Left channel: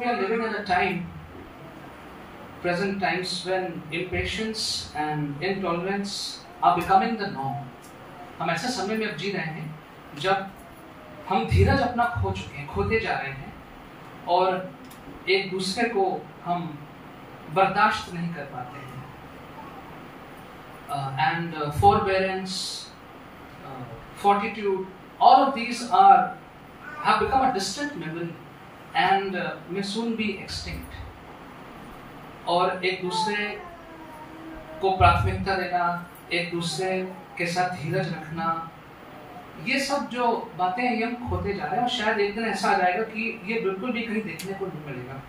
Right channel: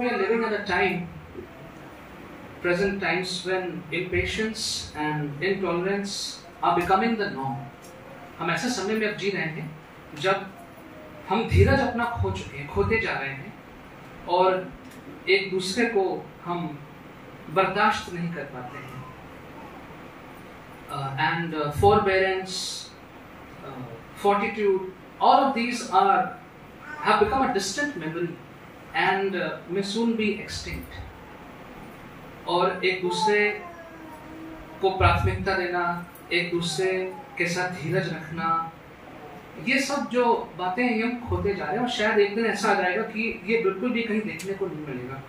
we are living at a time, present times, when impatience and intolerance are becoming the norm. हम ऐसे समय में अब जी रहे हैं जब हम धीरज अपना खो चुके हैं, खोते जा रहे हैं, और एक दूसरे को हम बर्दाश्त नहीं कर पाते हैं. And forbearance, fortitude, all of these have become a distant memory and may soon be extinct. और एक दूसरे को प्राथमिकता देना, एक दूसरे के साथ धीरज रखना, ये सब जो बातें हैं हम खोते जा रहे हैं, और शायद एक दिन ऐसा आ जाएगा कि ये बिल्कुल भी कहीं देखने को नहीं मिलेगा.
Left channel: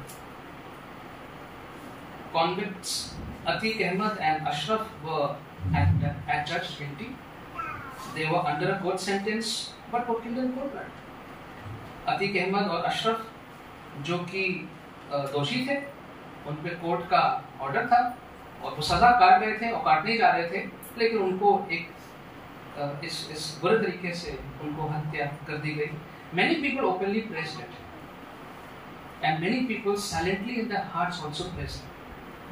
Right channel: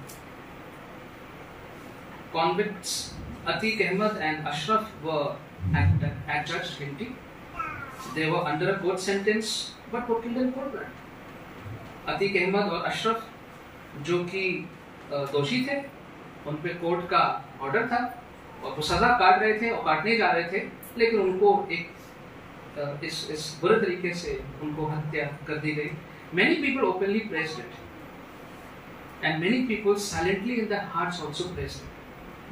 Convicts Atiq Ahmed and Ashraf were adjudged guilty. They were under a court sentence but were killed in cold blood. Atiq Ahmed और अशरफ जो कि दोषी थे, उन पे कोर्ट का ऑर्डर था और वो सजा काट रहे थे और काटने जा रहे थे, लेकिन उनको एक इस बुरे तरीके से उनको हत्या कर दी गई. Many people openly praised it and many people silently in their hearts also praised it.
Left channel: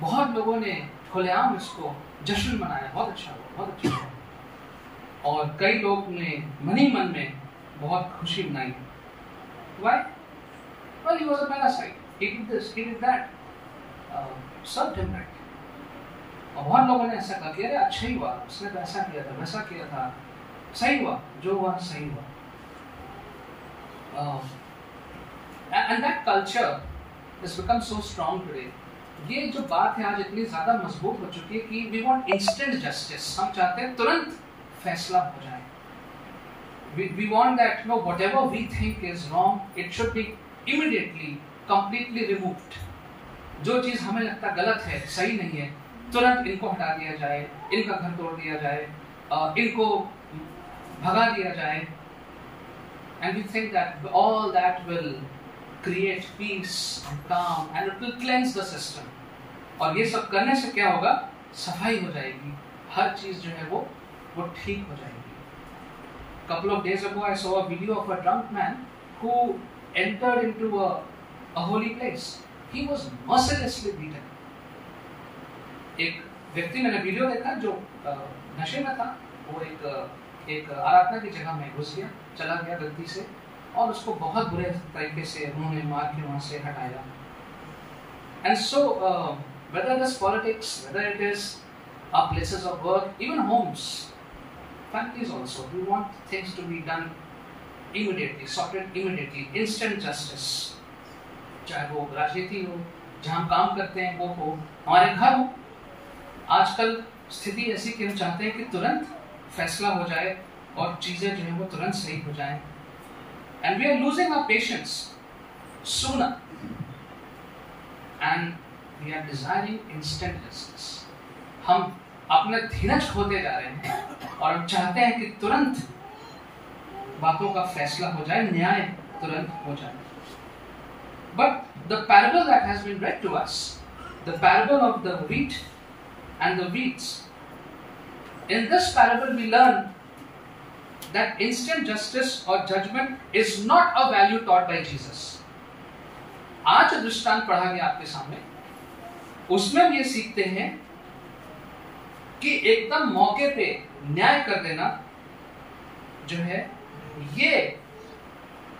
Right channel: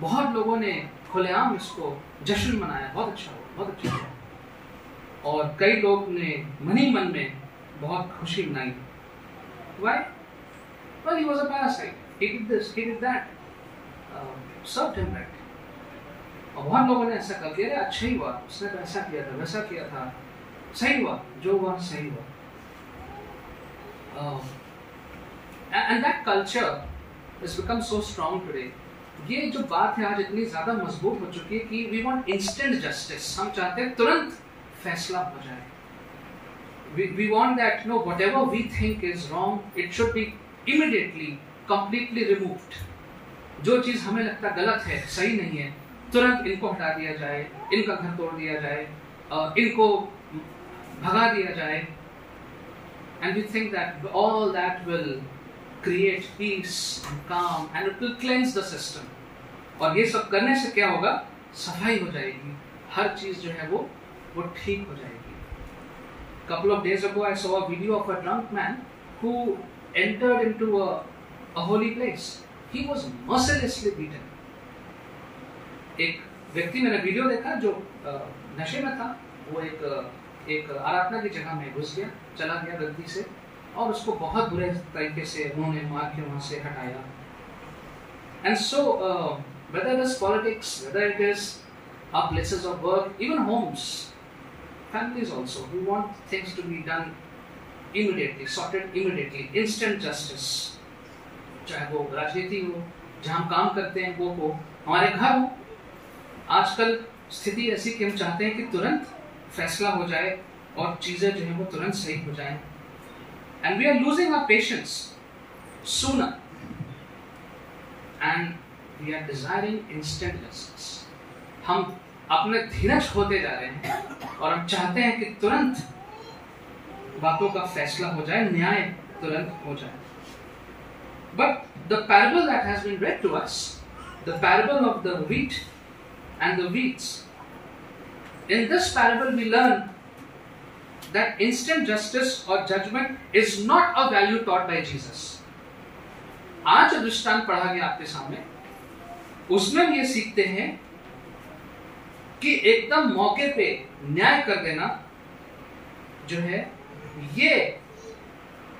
बहुत लोगों ने खुलेआम इसको जश्न मनाया, बहुत अच्छा हुआ, बहुत अच्छा हुआ, और कई लोग ने मन ही मन में बहुत खुशी मनाई. Why? Well, he was a parasite. He did this, he did that. Served him right. और बहुत लोगों ने ऐसा कहा कि अरे अच्छा ही हुआ, उसने तो ऐसा किया था, वैसा किया था, सही हुआ, जो हुआ सही हुआ. And that culture has become so strong today. ये जो बात है आज इतनी ज्यादा मजबूत हो चुकी है कि we want instant justice. हम चाहते हैं तुरंत फैसला हो जाए. We want that, no, whatever we think is wrong, it should be immediately, completely removed. जो चीज हमें लगता गलत है, सही नहीं है, तुरंत इनको हटा दिया जाए, इनका घर तोड़ दिया जाए, इनको भगा दिया जाए. And we think that all that will create peace and calm and it will cleanse the system. और ये सब करने से क्या होगा? सफाई हो जाएगी, हर चीज जो है वो ठीक हो जाएगी. Couple of days ago I saw a video of a drunk man who entered into a holy place. He was mercilessly beaten. एक व्यक्ति, मैंने वीडियो देखा जो नशे में था, वो एक आराधना की जगह में घुस गया, चला गया गलती से, और उसको बहुत बुरे तरीके से उन्होंने मार के वहां से हटाया. And so whether it is politics, whether it is our places of work, even homes, families also, we want things to be done immediately, sorted immediately, instant justice. चाहे वो राजनीति हो, जहाँ हम काम करते हैं वो हो, हमारे घर हो. आजकल स्थिति ऐसी कि हम चाहते हैं कि तुरंत फैसला हो जाए और चीजें जो है वो तुरंत सही हो जाएं. And we are losing our patience sooner, and we are desiring instant justice. हम अपने धीरज खोते जा रहे हैं और हम चाहते हैं कि तुरंत बातों का फैसला हो जाए, न्याय तुरंत हो जाए. But the parable that has been read to us, the parable of the wheat and the weeds, in this parable we learn that instant justice or judgment is not a value taught by Jesus. आज दृष्टांत पढ़ा गया आपके सामने, उसमें हम ये सीखते हैं कि एकदम मौके पे न्याय कर देना जो है ये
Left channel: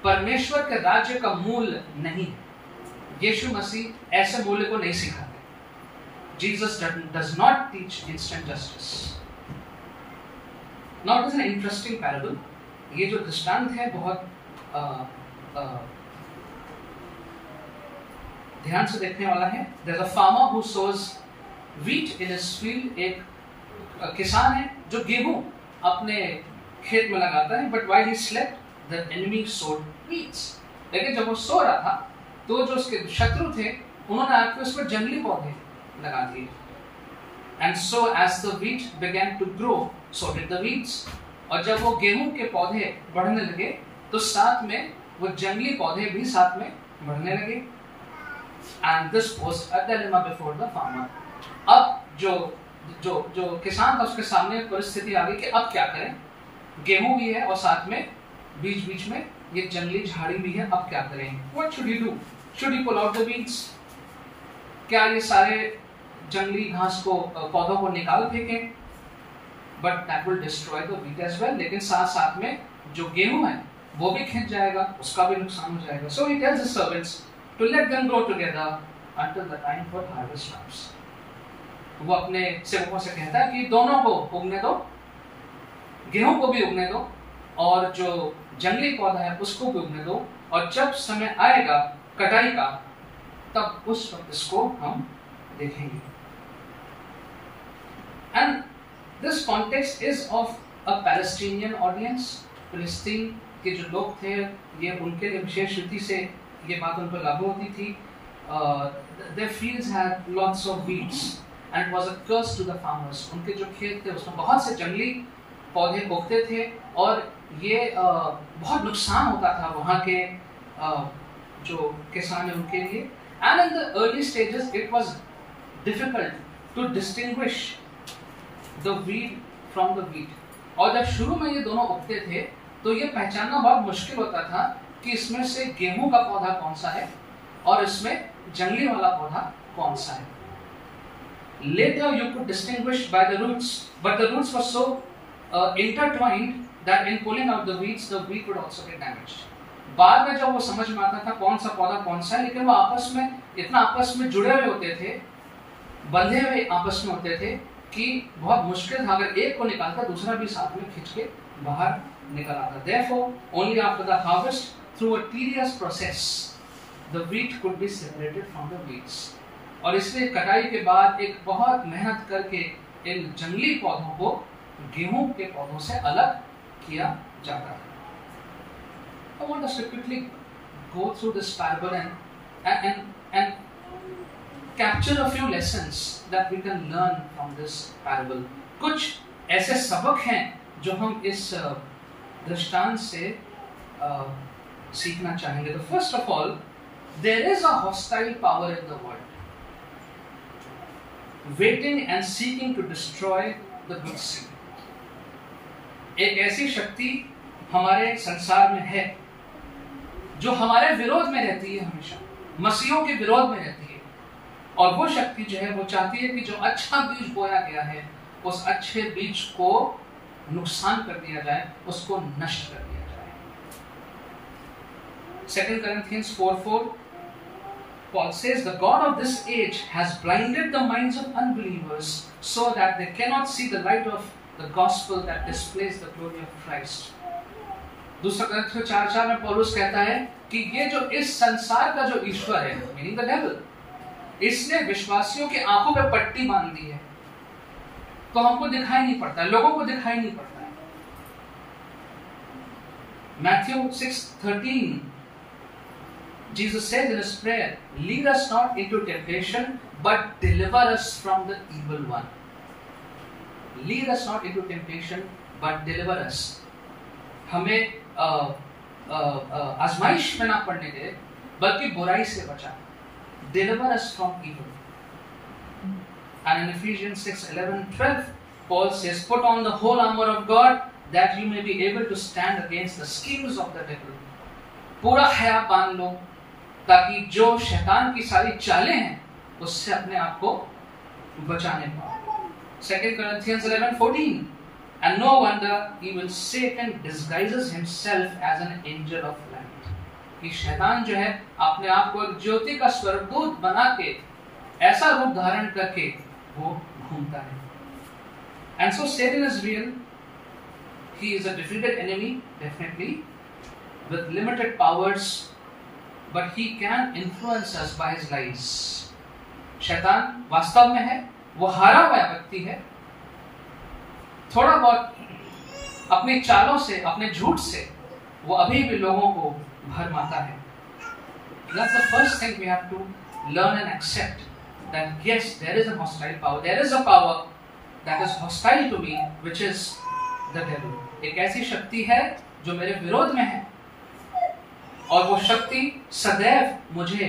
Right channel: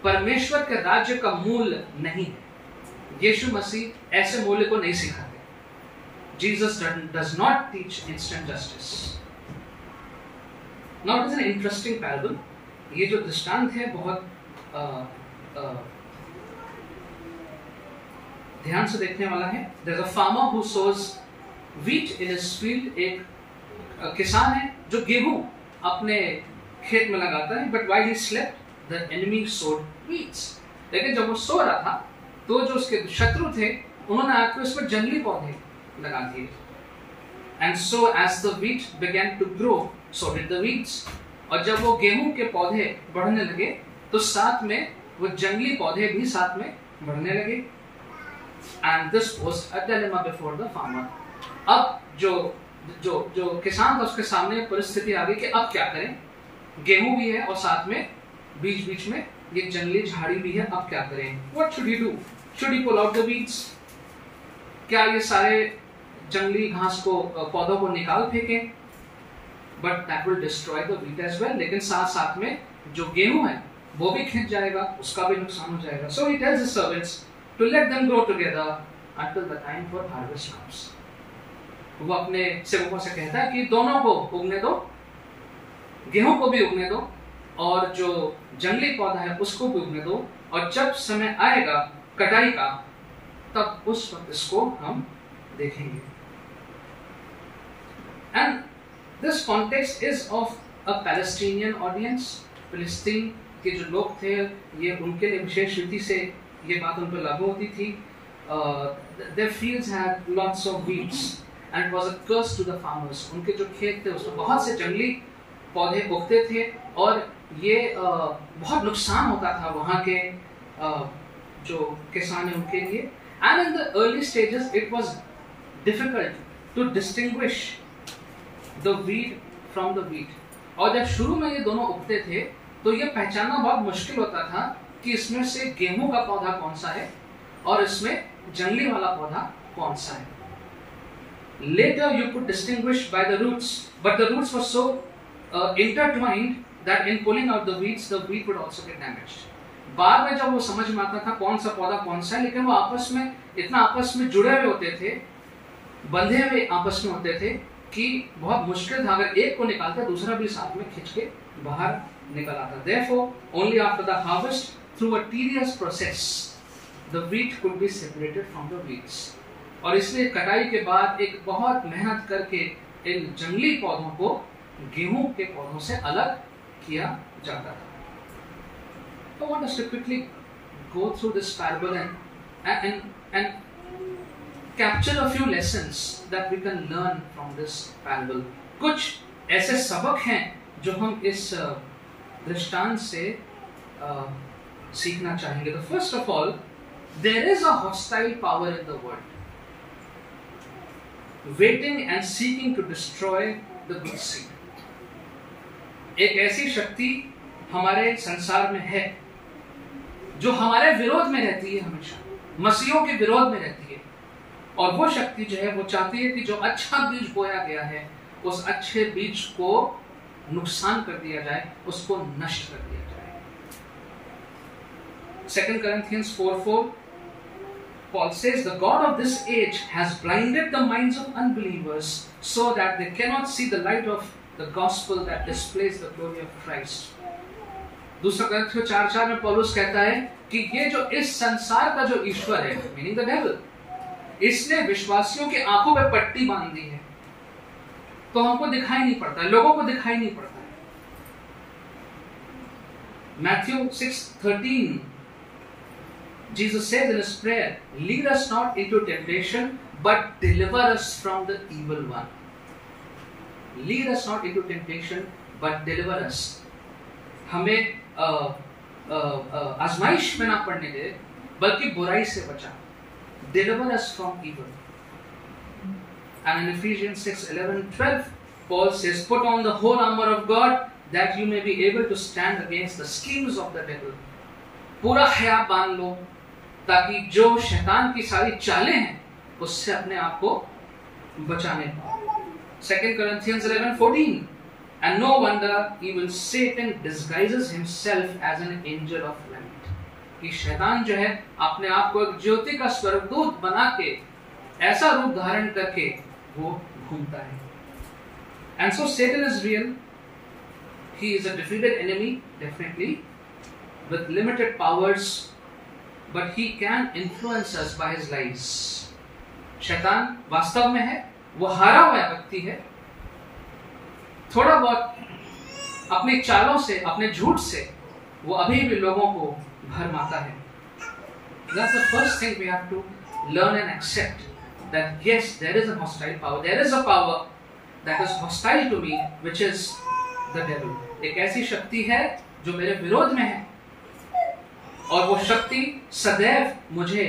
परमेश्वर के राज्य का मूल नहीं है. यीशु मसीह ऐसे मूल्य को नहीं सिखाते. Jesus does not teach instant justice. Now it is an interesting parable. ये जो दृष्टांत है बहुत ध्यान से देखने वाला है. There's a farmer who sows wheat in his field. एक किसान है जो गेहूं अपने खेत में लगाता है. But while he slept, the enemy sowed weeds. लेकिन जब वो सो रहा था तो जो उसके शत्रु थे उन्होंने आकर उसमें जंगली पौधे लगा दिए. And so as the wheat began to grow, so did the weeds. और जब वो गेहूं के पौधे बढ़ने लगे तो साथ में वो जंगली पौधे भी साथ में बढ़ने लगे. And this was a dilemma before the farmer. अब जो किसान था उसके सामने परिस्थिति आ गई कि अब क्या करें. गेहूं भी है और साथ में बीच बीच में ये जंगली झाड़ी भी है. अब क्या करें? What should he do? Should he pull out the weeds? क्या ये सारे जंगली घास को पौधों को निकाल फेंके? But that will destroy the wheat as well. लेकिन साथ साथ में जो गेहूं है वो भी खिंच जाएगा, उसका भी नुकसान हो जाएगा. So he tells his servants to let them grow together until the time for harvest comes. वो अपने सेवकों से कहता है कि दोनों को उगने दो, गेहूं को भी उगने दो और जो जंगली पौधा है उसको भी उगने दो, और जब समय आएगा कटाई का तब उस वक्त इसको हम देखेंगे. And this context is of a Palestinian audience. फिलिस्तीन के जो लोग थे ये उनके लिए विशेष रीति से ये बात उन पर लागू होती थी. Their fields had lots of weeds and it was a curse to the farmers. उनके जो खेत थे उसमें बहुत से जंगली पौधे उगते थे और ये बहुत नुकसान होता था वहाँ के जो किसान हैं उनके लिए. And in the early stages it was difficult to distinguish the wheat from the wheat. और जब शुरू में ये दोनों उगते थे तो ये पहचानना बहुत मुश्किल होता था कि इसमें से गेहूं का पौधा कौन सा है और इसमें जंगली वाला पौधा कौन सा है. Later you could distinguish by the roots, but the roots were so intertwined that in pulling out the weeds, the wheat would also get damaged. बाद में जब वो समझ में आता था कौन सा पौधा कौन सा है, लेकिन वो आपस में इतना आपस में जुड़े हुए होते थे, बंधे हुए आपस में होते थे कि बहुत मुश्किल था. अगर एक को निकालता दूसरा भी साथ में खींच के बाहर निकल आता. Therefore, only after the harvest, through a tedious process, the wheat could be separated from the weeds. और इसलिए कटाई के बाद एक बहुत मेहनत करके इन जंगली पौधों को गेहूं के पौधों से अलग किया जाता था. I want us to quickly go through this parable and capture a few lessons that we can learn from this parable. कुछ ऐसे सबक हैं जो हम इस दृष्टांत से सीखना चाहेंगे. तो first of all, there is a hostile power in the world, waiting and seeking to destroy the good seed. एक ऐसी शक्ति हमारे संसार में है जो हमारे विरोध में रहती है, हमेशा मसीहों के विरोध में रहती है. और वो शक्ति जो है वो चाहती है कि जो अच्छा बीज बोया गया है उस अच्छे बीज को नुकसान कर दिया जाए, उसको नष्ट कर दिया जाए. 2 Corinthians 4:4 Paul says, the God of this age has blinded the minds of unbelievers so that they cannot see the light of the gospel that displays the glory of Christ. 2 Corinthians 4:4 में पौलुस कहता है कि ये जो इस संसार का जो ईश्वर है, मीनिंग द डेविल, इसने विश्वासियों की आंखों पे पट्टी बांध दी है, तो हमको दिखाई नहीं पड़ता है, लोगों को दिखाई नहीं पड़ता है. Matthew 6:13 Jesus says in his prayer, lead us not into temptation but deliver us from the evil one. Lead us not into temptation but deliver us. हमें आजमाइश में ना पड़ने दे बल्कि बुराई से बचा. Deliver us from evil. And in Ephesians 6:11-12 Paul says, put on the whole armor of God that you may be able to stand against the schemes of the devil. पूरा ख्याल बांध लो ताकि जो शैतान की सारी चालें हैं उससे अपने आप को बचाने पाओ. 2 Corinthians 11:14 And no wonder even Satan disguises himself as an angel of light. कि शैतान जो है अपने आप को एक ज्योति का स्वर्गदूत बना के ऐसा रूप धारण करके वो घूमता है. And so Satan is real. He is a defeated enemy, definitely, with limited powers, but he can influence us by his lies. शैतान वास्तव में है, वो हारा हुआ व्यक्ति है. थोड़ा बहुत अपनी चालों से, अपने झूठ से वो अभी भी लोगों को भरमाता है. That's the first thing we have to learn and accept, that yes, there is a hostile power. There is a power that is hostile to me, which is the devil. एक ऐसी शक्ति है जो मेरे विरोध में है और वो शक्ति सदैव मुझे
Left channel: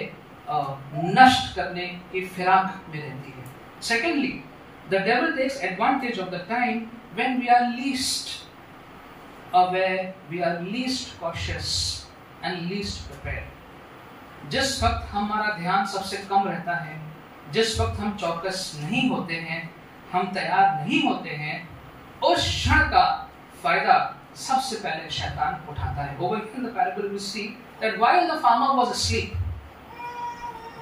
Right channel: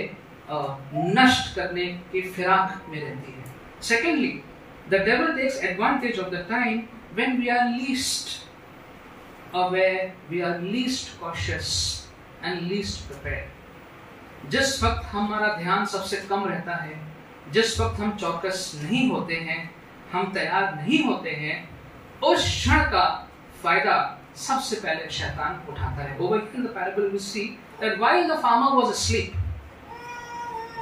नष्ट करने की फिराक में रहती है. Secondly, the devil takes advantage of the time when we are least aware, we are least cautious and least prepared. जिस वक्त हमारा ध्यान सबसे कम रहता है, जिस वक्त हम चौकस नहीं होते हैं, हम तैयार नहीं होते हैं, उस क्षण का फायदा सबसे पहले शैतान उठाता है। Over in the parable we see that while the farmer was asleep,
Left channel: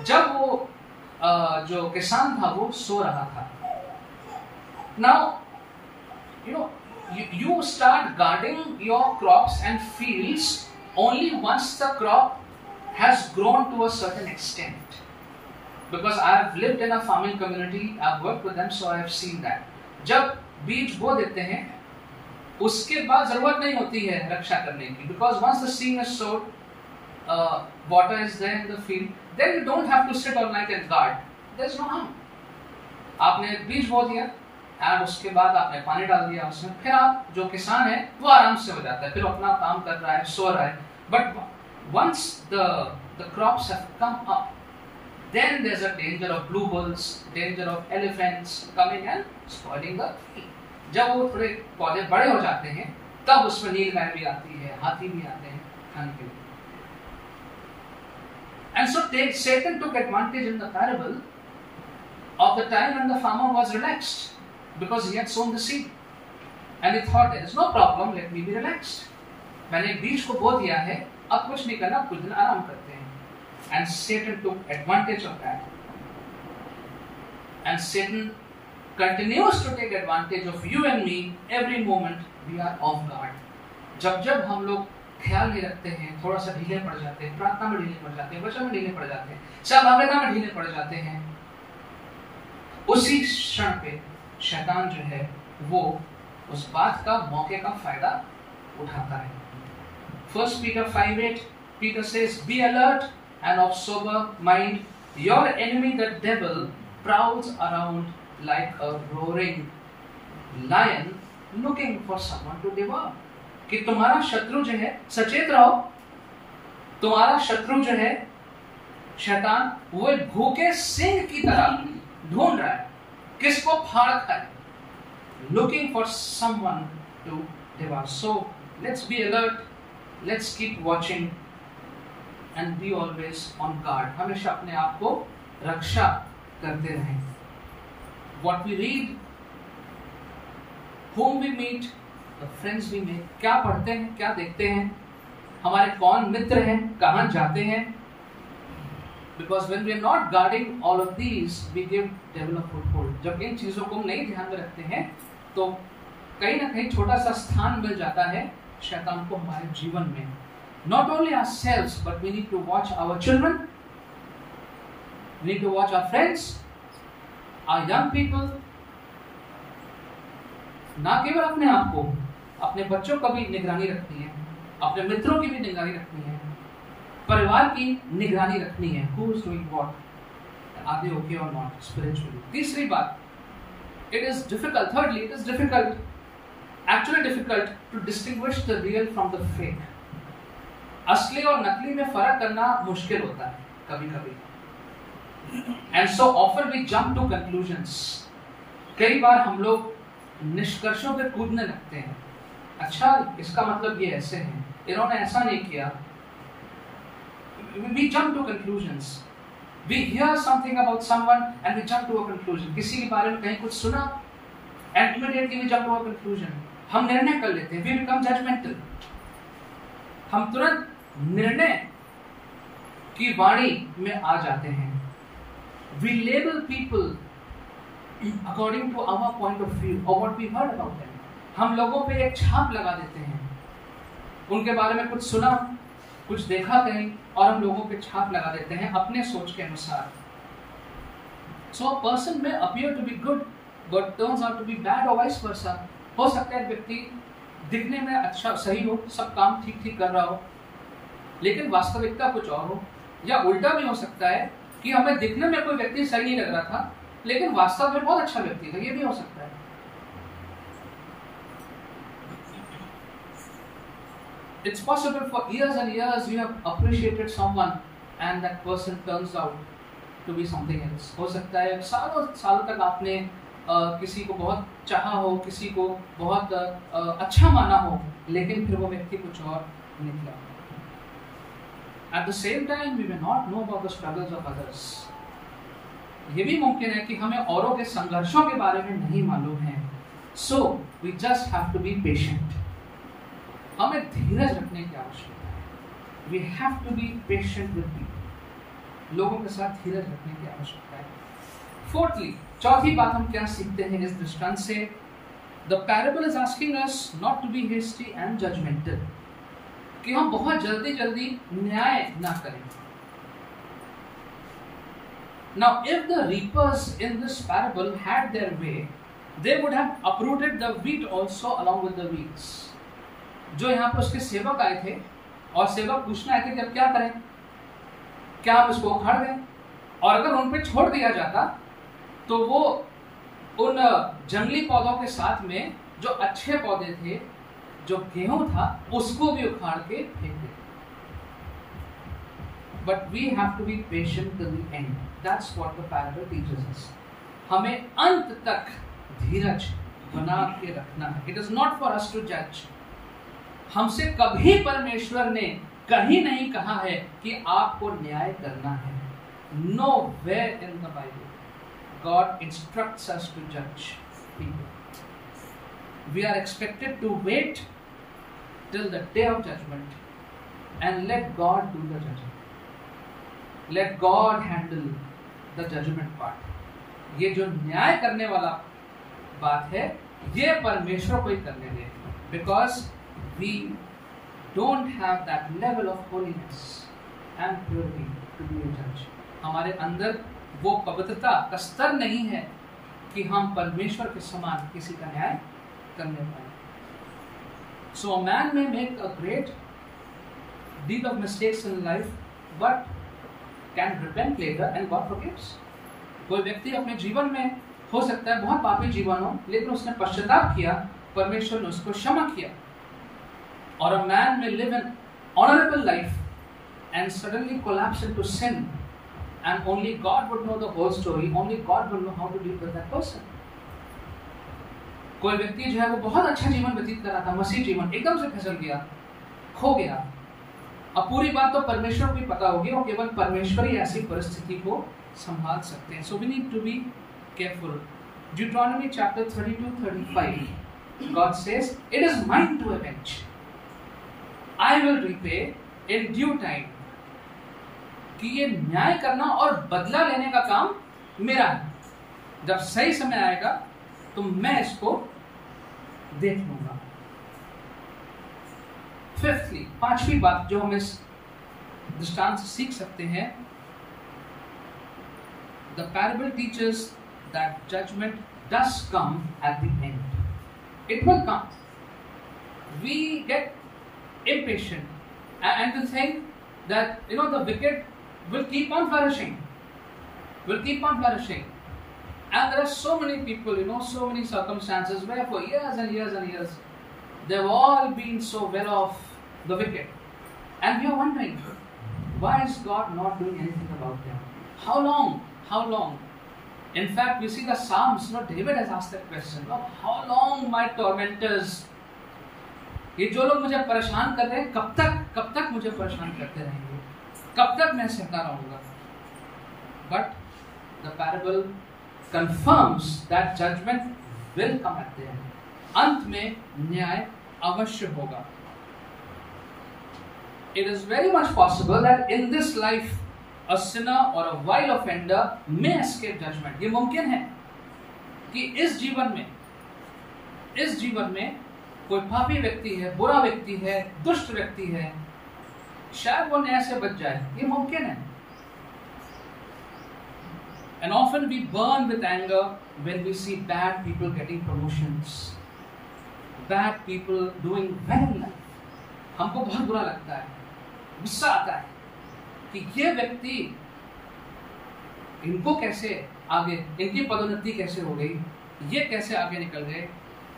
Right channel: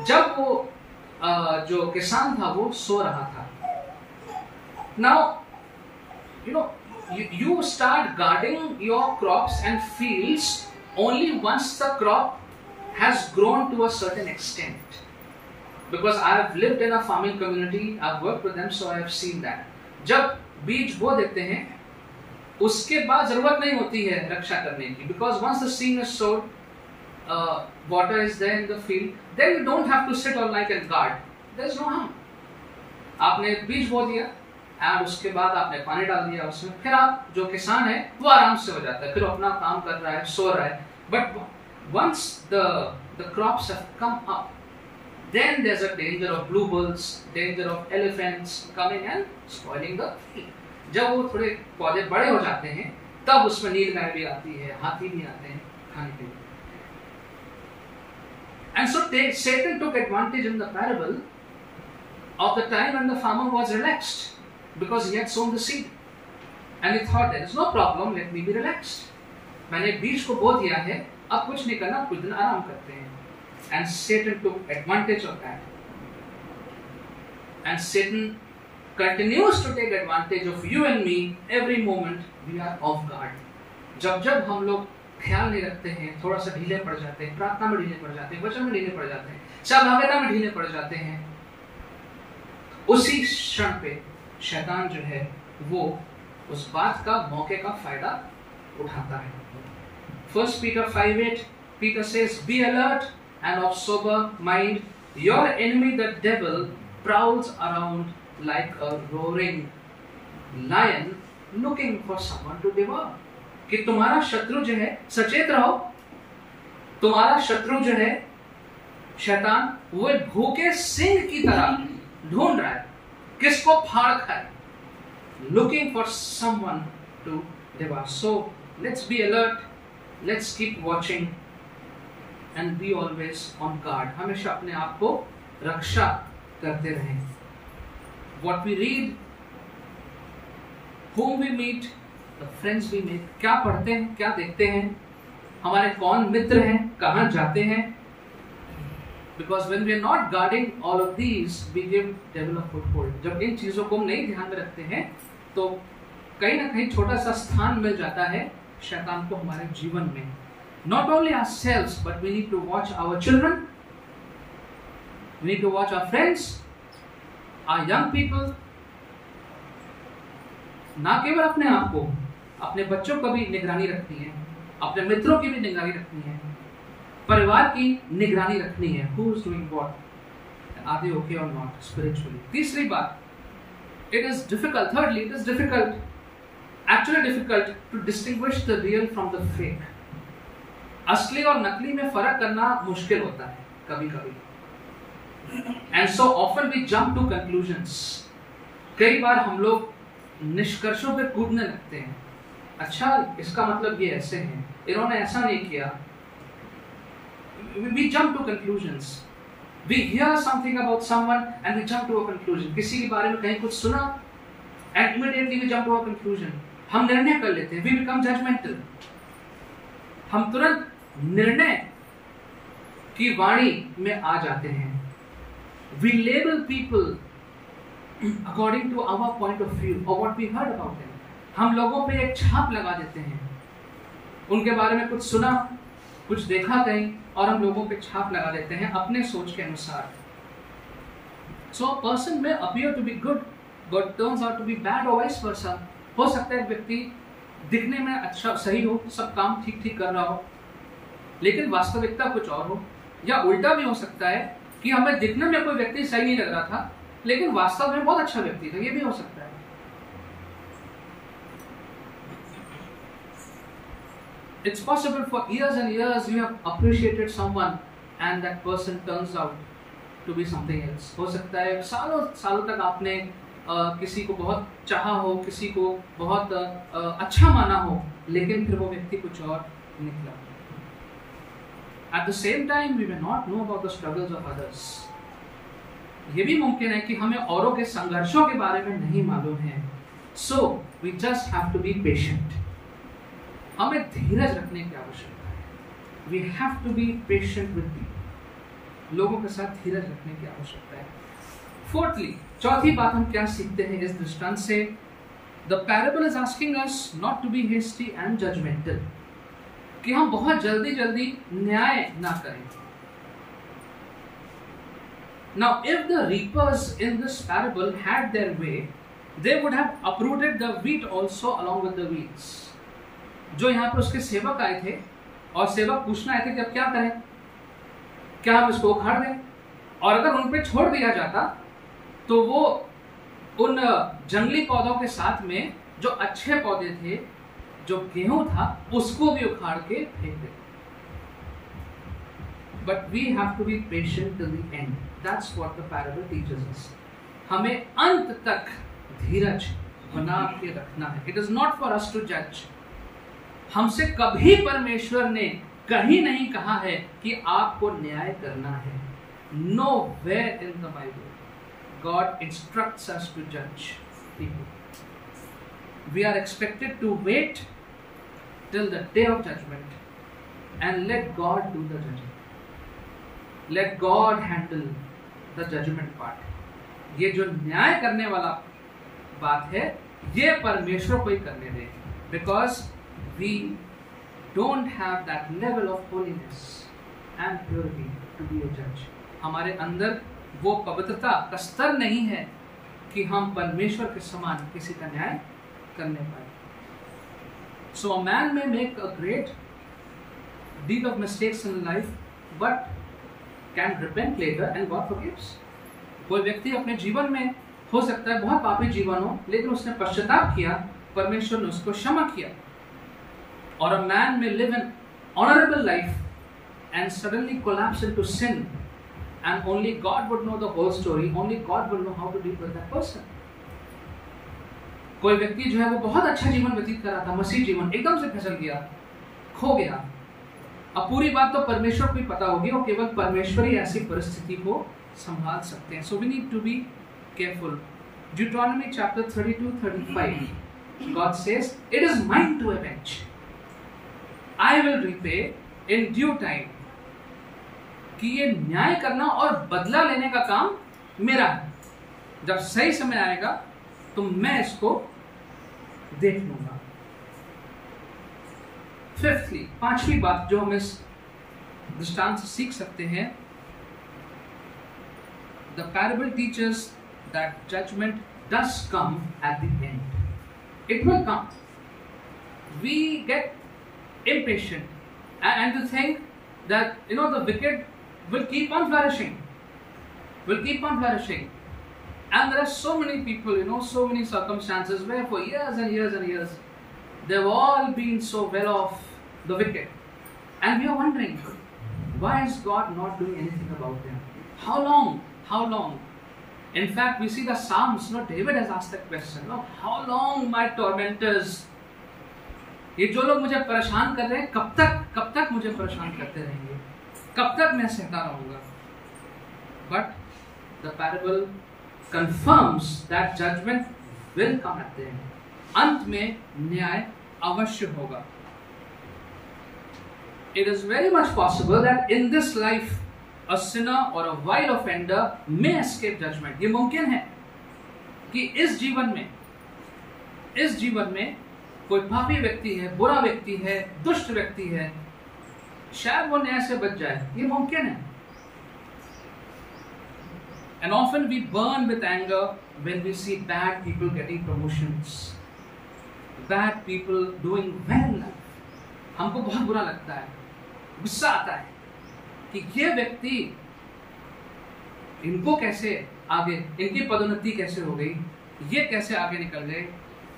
जब वो जो किसान था वो सो रहा था। Now, you start guarding your crops and fields only once the crop has grown to a certain extent. Because I have lived in a farming community, I've worked with them, so I have seen that. जब बीज बो देते हैं, उसके बाद जरूरत नहीं होती है रक्षा करने की, because once the seed is sowed, water is there in the field, then you don't have to sit all night and guard. There is no harm. आपने बीज बो दिया और उसके बाद आपने पानी डाल दिया उसमें, फिर आप जो किसान है वो आराम से हो जाता है, फिर अपना काम कर रहा है, सो रहा है। But once the crops have come up, then there's a danger of bluebirds, danger of elephants coming and spoiling the field. जब वो थोड़े पौधे बड़े हो जाते हैं तब उसमें नीलगाय भी आती है, हाथी भी आते हैं खाने के लिए। And so Satan took advantage in the parable of the time when the farmer was relaxed because he had sown the seed, and he thought there is no problem, let me be relaxed. मैंने बीज को बो दिया है, अब कुछ नहीं करना, कुछ दिन आराम करते हैं। And Satan took advantage of that. And Satan continues to take advantage of you and me every moment we are off guard. जब हम लोग ख्याल नहीं रखते हैं, थोड़ा सा ढीले पड़ जाते हैं, प्रार्थना में ढीले पड़ जाते हैं, वचन में ढीले पड़ जाते हैं, सहभागिता में ढीले पड़ जाते हैं, उसी क्षण पे शैतान जो है वो उस बात का, मौके का फायदा उठाता है। 1 Peter 5:8, Peter says, "Be alert and of sober mind. Your enemy, the devil, prowls around like a roaring lion, looking for someone to devour." कि तुम्हारा शत्रु जो है, सचेत रहो, तुम्हारा शत्रु जो है शैतान, वो भूखे सिंह की तरह ढूंढ रहा है किसको फाड़ खाए, looking for someone to devour. So let's be alert, let's keep watching and be always on guard. हमेशा अपने आप को रक्षा करते रहें। What we read, whom we meet, the friends we make, क्या पढ़ते हैं, क्या देखते हैं, हमारे कौन मित्र हैं, कहाँ जाते हैं, because when we are not guarding all of these, we give devil a foothold. जब इन चीजों को हम नहीं ध्यान में रखते हैं तो कहीं ना कहीं छोटा सा स्थान मिल जाता है शैतान को हमारे जीवन में। Not only ourselves, but we need to watch our children, we need to watch our friends, our young people. ना केवल अपने आप को, अपने बच्चों का भी निगरानी रखनी है, अपने मित्रों की भी निगरानी रखनी है, परिवार की निगरानी रखनी है। Who is doing what? Are they okay or not spiritually? तीसरी बात, it is difficult. Thirdly, it is difficult, actually difficult to distinguish the real from the fake. असली और नकली में फर्क करना मुश्किल होता है कभी कभी। And so often we jump to conclusions. कई बार हम लोग निष्कर्षों पे कूदने लगते हैं। अच्छा, इसका मतलब ये ऐसे है, इन्होंने ऐसा नहीं किया। We jump to conclusions. We hear something about someone and we jump to a conclusion. किसी के बारे में कहीं कुछ सुना, and immediately we jump to a conclusion. हम निर्णय कर लेते हैं। We become judgmental. हम तुरंत निर्णय की वाणी में आ जाते हैं। We label people according to our point of view or what we heard about them. हम लोगों पे एक छाप लगा देते हैं, उनके बारे में कुछ सुना, कुछ देखा कहीं, और हम लोगों पे छाप लगा देते हैं अपने सोच के अनुसार। So a person may appear to be good, but turns out to be bad or vice versa. हो सकता है एक व्यक्ति दिखने में अच्छा, सही हो, सब काम ठीक ठीक कर रहा हो, लेकिन वास्तविकता कुछ और हो, या उल्टा भी हो सकता है कि हमें दिखने में कोई व्यक्ति सही नहीं लग रहा था, लेकिन वास्तव में बहुत अच्छा व्यक्ति था। ये भी हो सकता है। It's possible for years and years you have appreciated someone and that person turns out to be something else. हो सकता है सालों सालों तक आपने किसी को बहुत चाहा हो, किसी को बहुत अच्छा माना हो, लेकिन फिर वो व्यक्ति कुछ और निकला। At the same time, we may not know about the struggles of others. ये भी मुमकिन है कि हमें औरों के संघर्षों के बारे में नहीं मालूम है. So we just have to be patient. हमें धीरज रखने की आवश्यकता है. We have to be patient with people. लोगों के साथ धीरज रखने की आवश्यकता है. Fourthly, चौथी बात हम क्या सीखते हैं इस दृष्टांत से? The parable is asking us not to be hasty and judgmental. कि हम बहुत जल्दी जल्दी न्याय ना करें. Now, if the reapers in this parable had their way, they would have uprooted the wheat also along with the weeds. जो यहाँ पर उसके सेवक आए थे और सेवक पूछना आए थे कि अब क्या करें, क्या हम इसको उखाड़ दें? और अगर उन पे छोड़ दिया जाता तो वो उन जंगली पौधों के साथ में जो अच्छे पौधे थे, जो गेहूं था, उसको भी उखाड़ के फेंक देते. But we have to be patient till the end. That's what the parable teaches us. हमें अंत तक धीरज बना के रखना है. It is not for us to judge. हमसे कभी परमेश्वर ने कहीं नहीं कहा है कि आपको न्याय करना है. Nowhere in the Bible God instructs us to judge people. We are expected to wait till the day of judgment and let God do the judging. Let God handle the judgment part. ये जो न्याय करने वाला बात है, ये परमेश्वर को ही करने दे. Because we don't have that level of holiness and purity to be a judge. हमारे अंदर वो पवित्रता का स्तर नहीं है कि हम परमेश्वर के समान किसी का न्याय करने पाए. So a man may make a great deal of mistakes in life, but can repent later and God forgives. कोई व्यक्ति अपने जीवन में हो सकता है बहुत पापी जीवन हो, लेकिन उसने पश्चाताप किया, परमेश्वर ने उसको क्षमा किया. Or a man may live an honorable life and suddenly collapse into sin, and only God would know the whole story. Only God will know how to deal with that person. कोई व्यक्ति जो है वो बहुत अच्छा जीवन व्यतीत कर रहा था, मसीह जीवन, एकदम से फिसल गया, खो गया. अब पूरी बात तो परमेश्वर को ही पता होगी और केवल परमेश्वर ही ऐसी परिस्थिति को संभाल सकते हैं. So we need to be careful. Deuteronomy chapter 32-35, God says, "It is mine to avenge. I will repay in due time." कि ये न्याय करना और बदला लेने का काम मेरा है. जब सही समय आएगा तो मैं इसको देख लूंगा. फिफ्थली, पांचवी बात जो हम इस दृष्टांत से सीख सकते हैं, the parable teachers that judgement does come at the end. It will come. We get impatient and to think that the wicked will keep on flourishing, and there are so many people, so many circumstances where for years and years and years they've all been so well off, the wicked, and we are wondering, why is God not doing anything about them? How long? In fact, we see the Psalms, David has asked that question, how long my tormentors, ये जो लोग मुझे परेशान कर रहे हैं, कब तक मुझे परेशान करते रहेंगे, कब तक मैं सहता रहूंगा. But the parable confirms that judgment will come at the end. अंत में न्याय अवश्य होगा. It is very much possible that in this life a sinner or a vile offender may escape judgment. ये मुमकिन है कि इस जीवन में कोई पापी व्यक्ति है, बुरा व्यक्ति है, दुष्ट व्यक्ति है, शायद वो न्याय से बच जाए. ये मुमकिन है. And often we burn with anger when we see bad people getting promotions, bad people doing well in life. हमको बहुत बुरा लगता है, गुस्सा आता है कि ये व्यक्ति, इनको कैसे आगे, इनकी पदोन्नति कैसे हो गई, ये कैसे आगे निकल गए,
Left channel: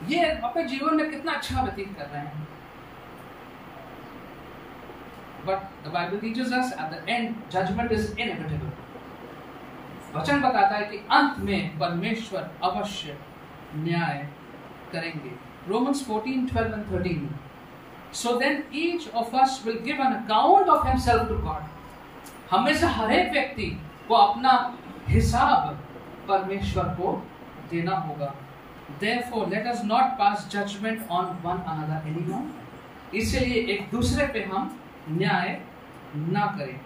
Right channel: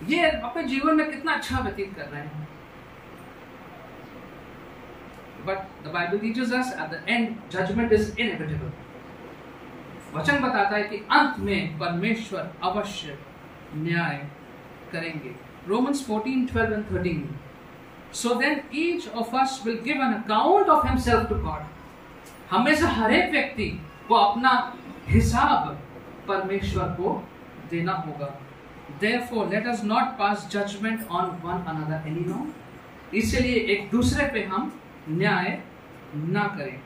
ये अपने जीवन में कितना अच्छा व्यतीत कर रहे हैं. But the Bible teaches us at the end judgment is inevitable. वचन बताता है कि अंत में परमेश्वर अवश्य न्याय करेंगे. Romans 14:12 and 13. So then each of us will give an account of himself to God. हम में से हर एक व्यक्ति को अपना हिसाब परमेश्वर को देना होगा. Therefore, let us not pass judgment on one another anymore. इसलिए एक दूसरे पे हम न्याय ना करें.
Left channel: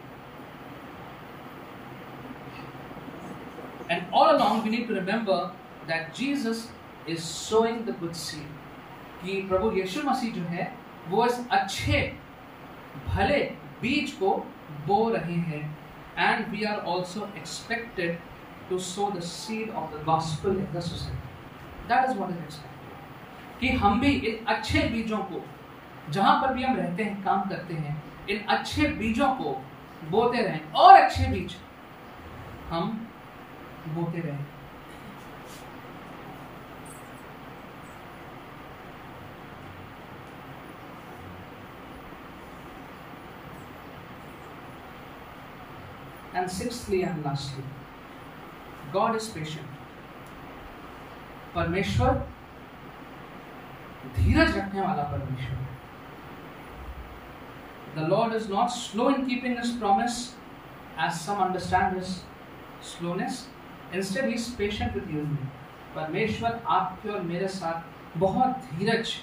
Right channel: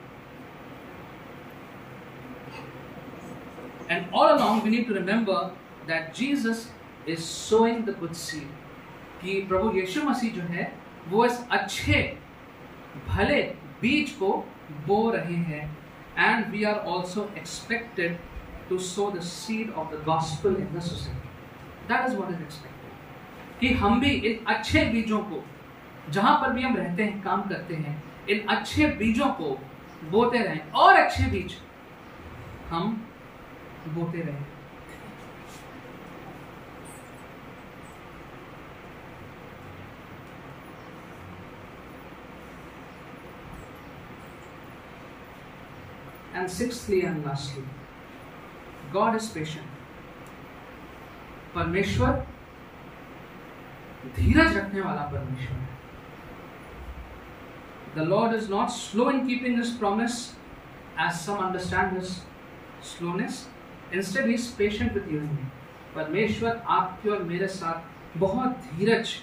And all along we need to remember that Jesus is sowing the good seed. कि प्रभु यीशु मसीह जो है वो इस अच्छे भले बीज को बो रहे हैं. And we are also expected to sow the seed of the gospel in the society. That is what is expected. कि हम भी इन अच्छे बीजों को जहां पर भी हम रहते हैं, काम करते हैं, इन अच्छे बीजों को बोते रहें और अच्छे बीज हम बोते रहें. And sixthly and lastly, God is patient. परमेश्वर धीरज रखने वाला परमेश्वर है. The Lord is not slow in keeping His promise, as some understand His slowness. Instead, He is patient with you and me. परमेश्वर आपके और मेरे साथ बहुत धीरज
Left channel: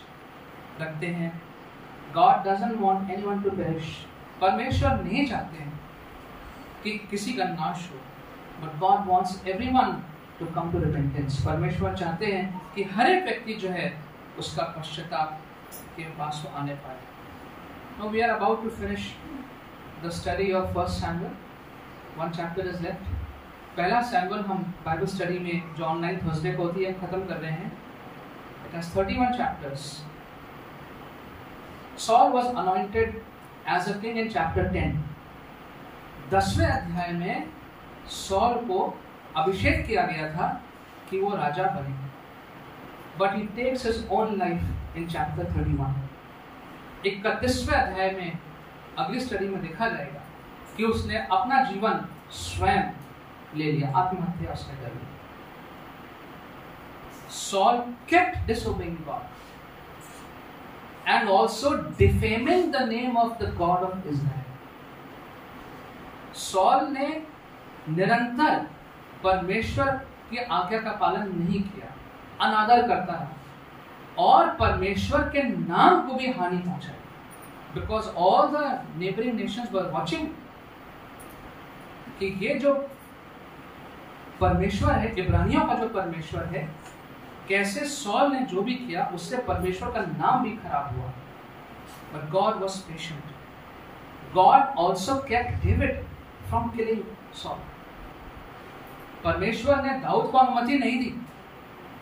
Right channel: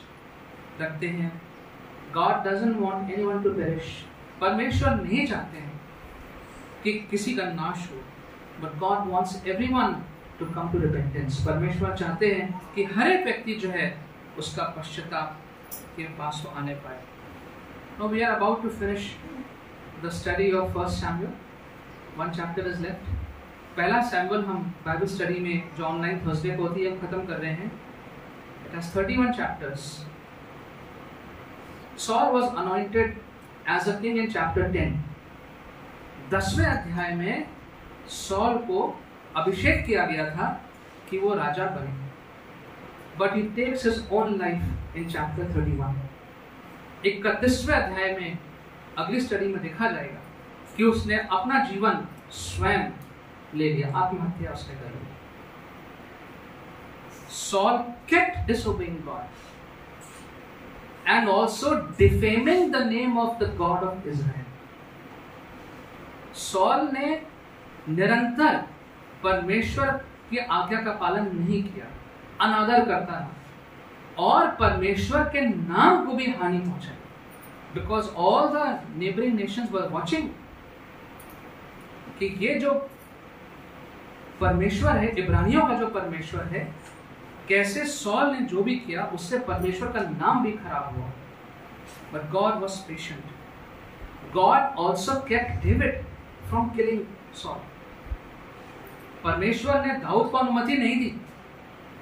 रखते हैं. God doesn't want anyone to perish. परमेश्वर नहीं चाहते हैं कि किसी का नाश हो. But God wants everyone to come to repentance. परमेश्वर चाहते हैं कि हर एक व्यक्ति जो है उसका पश्चाताप के पास वो आने पाए. Now we are about to finish the study of 1 Samuel. One chapter is left. पहला सैमुअल हम बाइबल स्टडी में जो ऑनलाइन थर्सडे को होती है खत्म कर रहे हैं. It has 31 chapters. Saul was anointed as a king in chapter 10. 10वें अध्याय में सॉल को अभिषेक किया गया था कि वो राजा बने. But he takes his own life in chapter 31. 31वें अध्याय में अगली स्टडी में देखा जाएगा कि उसने अपना जीवन स्वयं ले लिया, आत्महत्या उसने कर ली. Saul kept disobeying God and also defaming the name of the God of Israel. Saul ने निरंतर परमेश्वर की आज्ञा का पालन नहीं किया, अनादर करता रहा और परमेश्वर के नाम को भी हानि पहुंचाई. Because all the neighbouring Nations were watching कि ये जो परमेश्वर है, इब्रानियों का जो परमेश्वर है, कैसे सॉल ने जो भी किया उससे परमेश्वर का नाम भी खराब हुआ. But God was patient. God also kept David from killing Saul. परमेश्वर ने दाऊद को अनुमति नहीं दी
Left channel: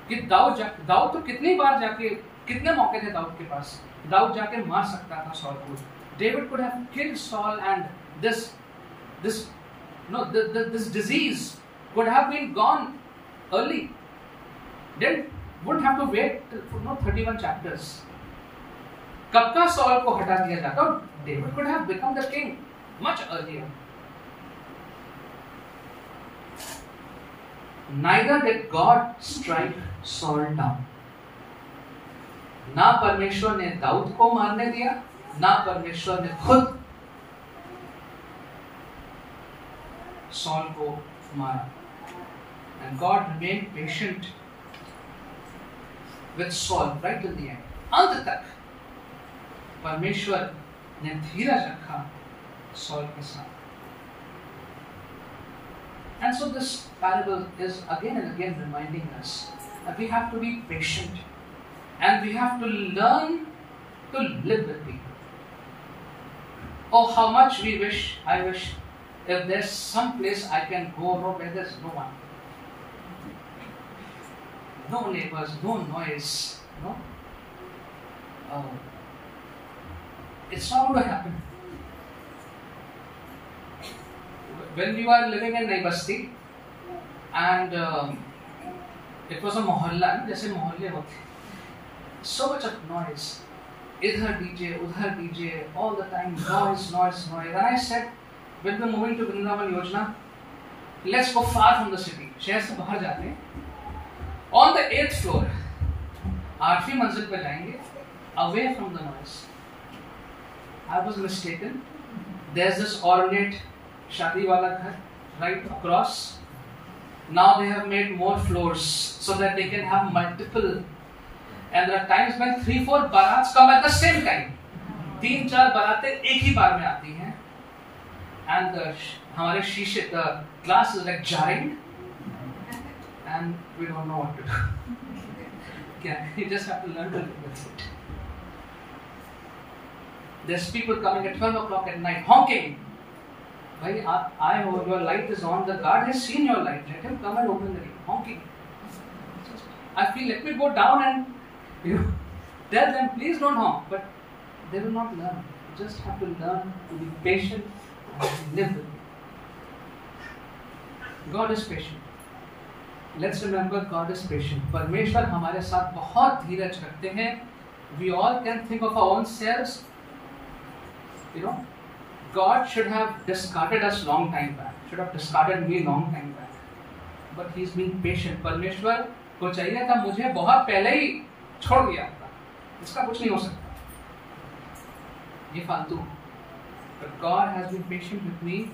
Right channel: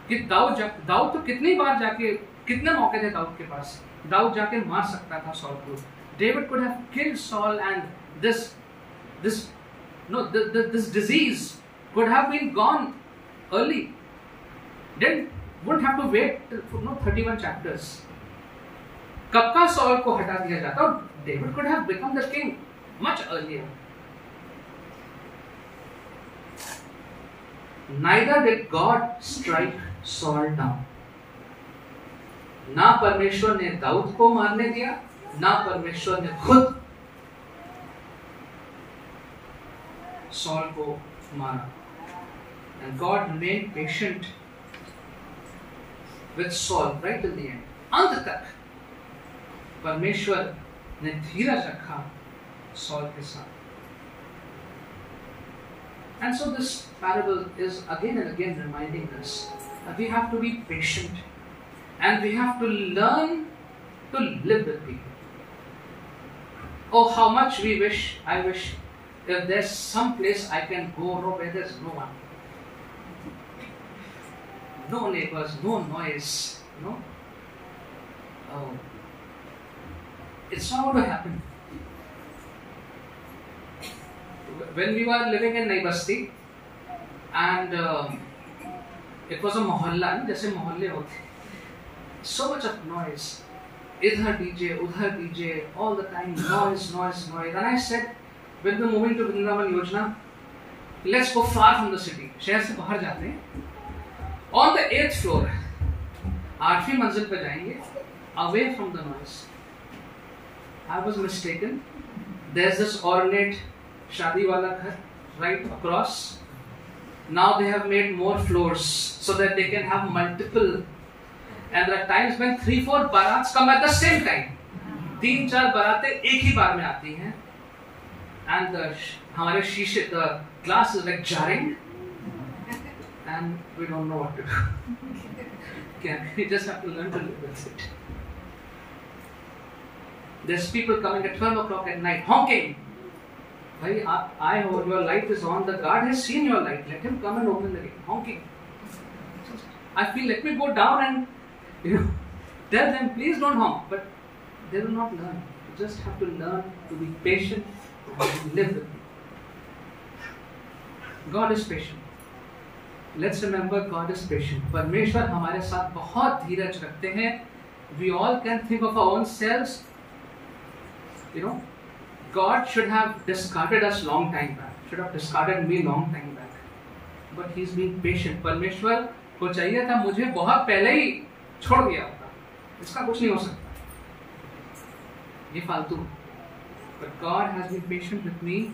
कि दाऊद तो कितनी बार जाके, कितने मौके थे दाऊद के पास, दाऊद जाके मार सकता था सॉल को. David could have killed Saul and this disease could have been gone early. Then wouldn't have to wait 31 chapters. कब का सॉल को हटा दिया जाता, David could have become the king much earlier. Neither did God strike Saul down. ना परमेश्वर ने दाऊद को मारने दिया, ना परमेश्वर ने खुद सॉल को मारा. And God remained patient with Saul right till the end. अंत तक परमेश्वर ने धीरज रखा सॉल के साथ. And so this parable is again and again reminding us that we have to be patient and we have to learn to live with people. Oh, how much I wish if there's some place I can go where there's no one. No neighbors, no noise, no. It's not going to happen. When we were living in Nai Basti and it was a mohalla, जैसे मोहल्ले होते, so much of noise, इधर DJ, उधर DJ, all the time noise. And I said, when we're moving to Vrindavan Yojana, let's go far from the city. शहर से बाहर जाते हैं. On the 8th floor, 8वीं मंजिल पर जाएंगे, away from the noise. I was mistaken. There's this ornate शादी वाला घर right across. Now they have made more floors so that they can have multiple. And there are times when 3-4 barats come at the same time. 3-4 बारातें एक ही बार में आती हैं. And हमारे शीशे, the glass is like jarring. And we don't know what to do. You just have to learn to live with it. There's people coming at 12 o'clock at night honking. Bhai, I know your light is on. The guard has seen your light. Let him come and open the gate. Honking. I feel, let me go down and tell them, please don't honk. But they will not learn. You just have to learn to be patient and live with it. God is patient. Let's remember, God is patient. परमेश्वर हमारे साथ बहुत धीरज रखते हैं. We all can think of our own selves. God should have discarded us long time back. Should have discarded me long time back. But He's being patient. परमेश्वर को चाहिए था मुझे बहुत पहले ही छोड़ दिया था. इसका कुछ नहीं हो सकता. ये फालतू. But God has been patient with me.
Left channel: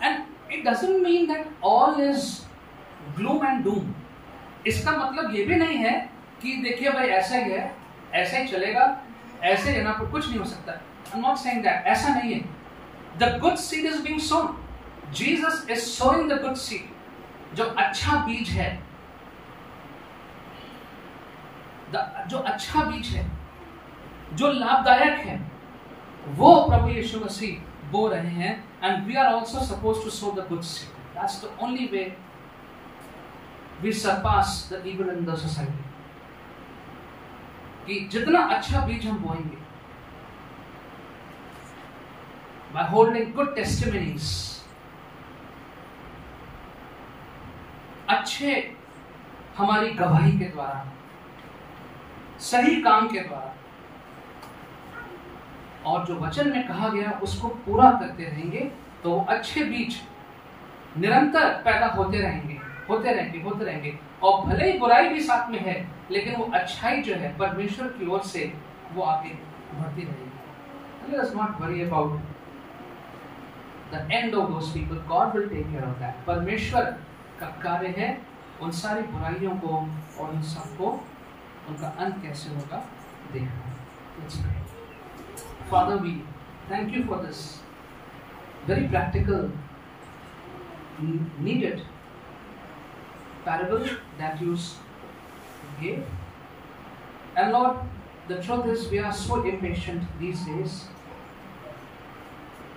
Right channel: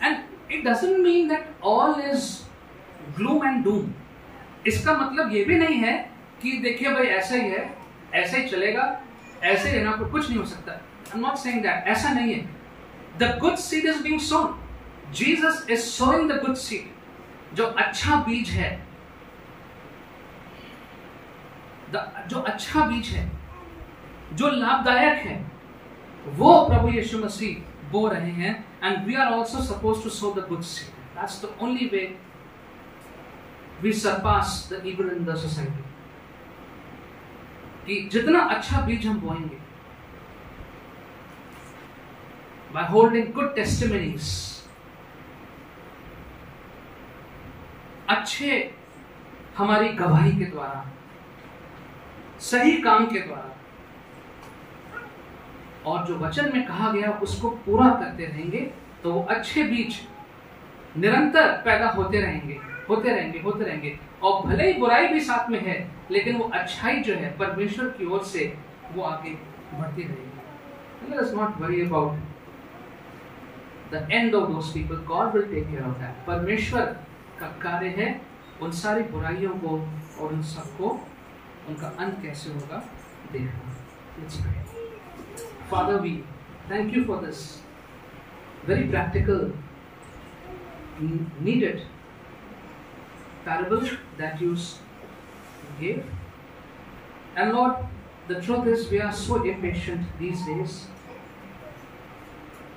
And it doesn't mean that all is gloom and doom. इसका मतलब ये भी नहीं है कि देखिए भाई ऐसा ही है, ऐसा ही चलेगा, ऐसे यहाँ पर कुछ नहीं हो सकता. I'm not saying that. ऐसा नहीं है. The good seed is being sown. Jesus is sowing the good seed. जो अच्छा बीज है, जो अच्छा बीज है, जो लाभदायक है, वो प्रभु यीशु मसीह बो रहे हैं. And we are also supposed to sow the good seed. That's the only way we surpass the evil in the society. कि जितना अच्छा बीज हम बोएंगे, by holding good testimonies, अच्छे हमारी गवाही के द्वारा, सही काम के द्वारा, और जो वचन में कहा गया उसको पूरा करते रहेंगे, तो अच्छे बीज निरंतर पैदा होते रहेंगे. और भले ही बुराई भी साथ में है, लेकिन वो अच्छाई जो है परमेश्वर की ओर से वो आगे बढ़ती रहेगी. Let us not worry about the end of those people. God will take care of that. परमेश्वर का कार्य है उन सारी बुराइयों को और उन सबको उनका अंत कैसे होगा देखना. Let's pray. Father, we thank you for this very practical, needed parable that you gave. And Lord, the truth is we are so impatient these days,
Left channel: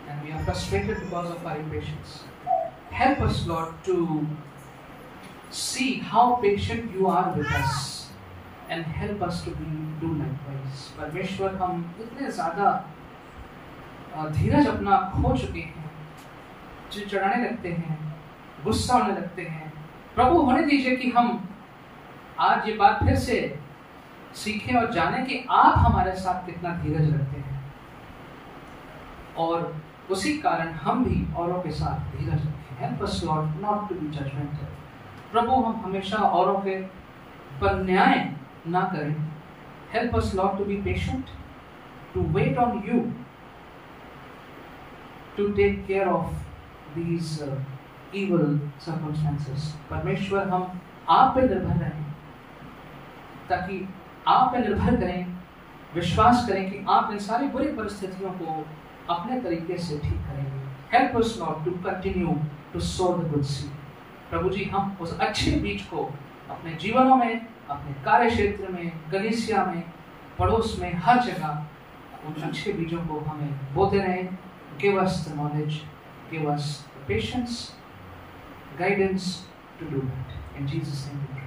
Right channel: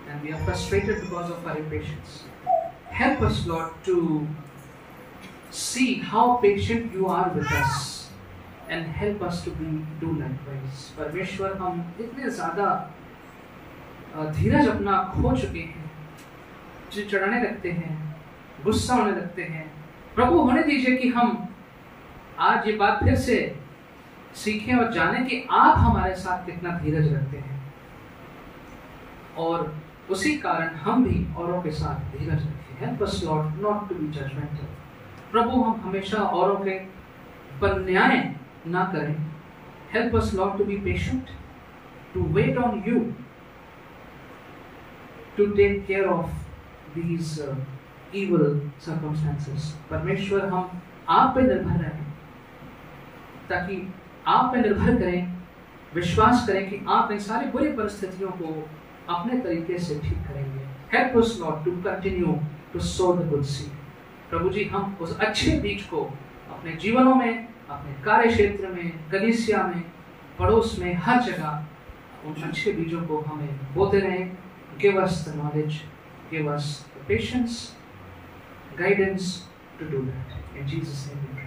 and we are frustrated because of our impatience. Help us, Lord, to see how patient you are with us, and help us to do likewise. परमेश्वर, हम इतने ज़्यादा धीरज अपना खो चुके हैं, चिढ़ाने लगते हैं, गुस्सा होने लगते हैं. प्रभु, होने दीजिए कि हम आज ये बात फिर से सीखें और जानें कि आप हमारे साथ कितना धीरज रखते हैं, और उसी कारण हम भी औरों के साथ धीरज रखें. Help us, Lord, not to be judgmental. प्रभु, हम हमेशा औरों के पर न्याय ना करें. Help us, Lord, to be patient, to wait on you, to take care of these evil circumstances. परमेश्वर, हम आप पे निर्भर रहें, ताकि आप पे निर्भर करें, विश्वास करें कि आप इन सारी बुरी परिस्थितियों को अपने तरीके से ठीक करेंगे. Help us, Lord, to continue to sow the good seed. प्रभु जी, हम उस अच्छे बीज को अपने जीवनों में, अपने कार्य क्षेत्र में, कलीसिया में, पड़ोस में, हर जगह उन अच्छे बीजों को हमें बोते रहें. Give us the knowledge, give us the patience, guidance to do that. In Jesus' name we pray.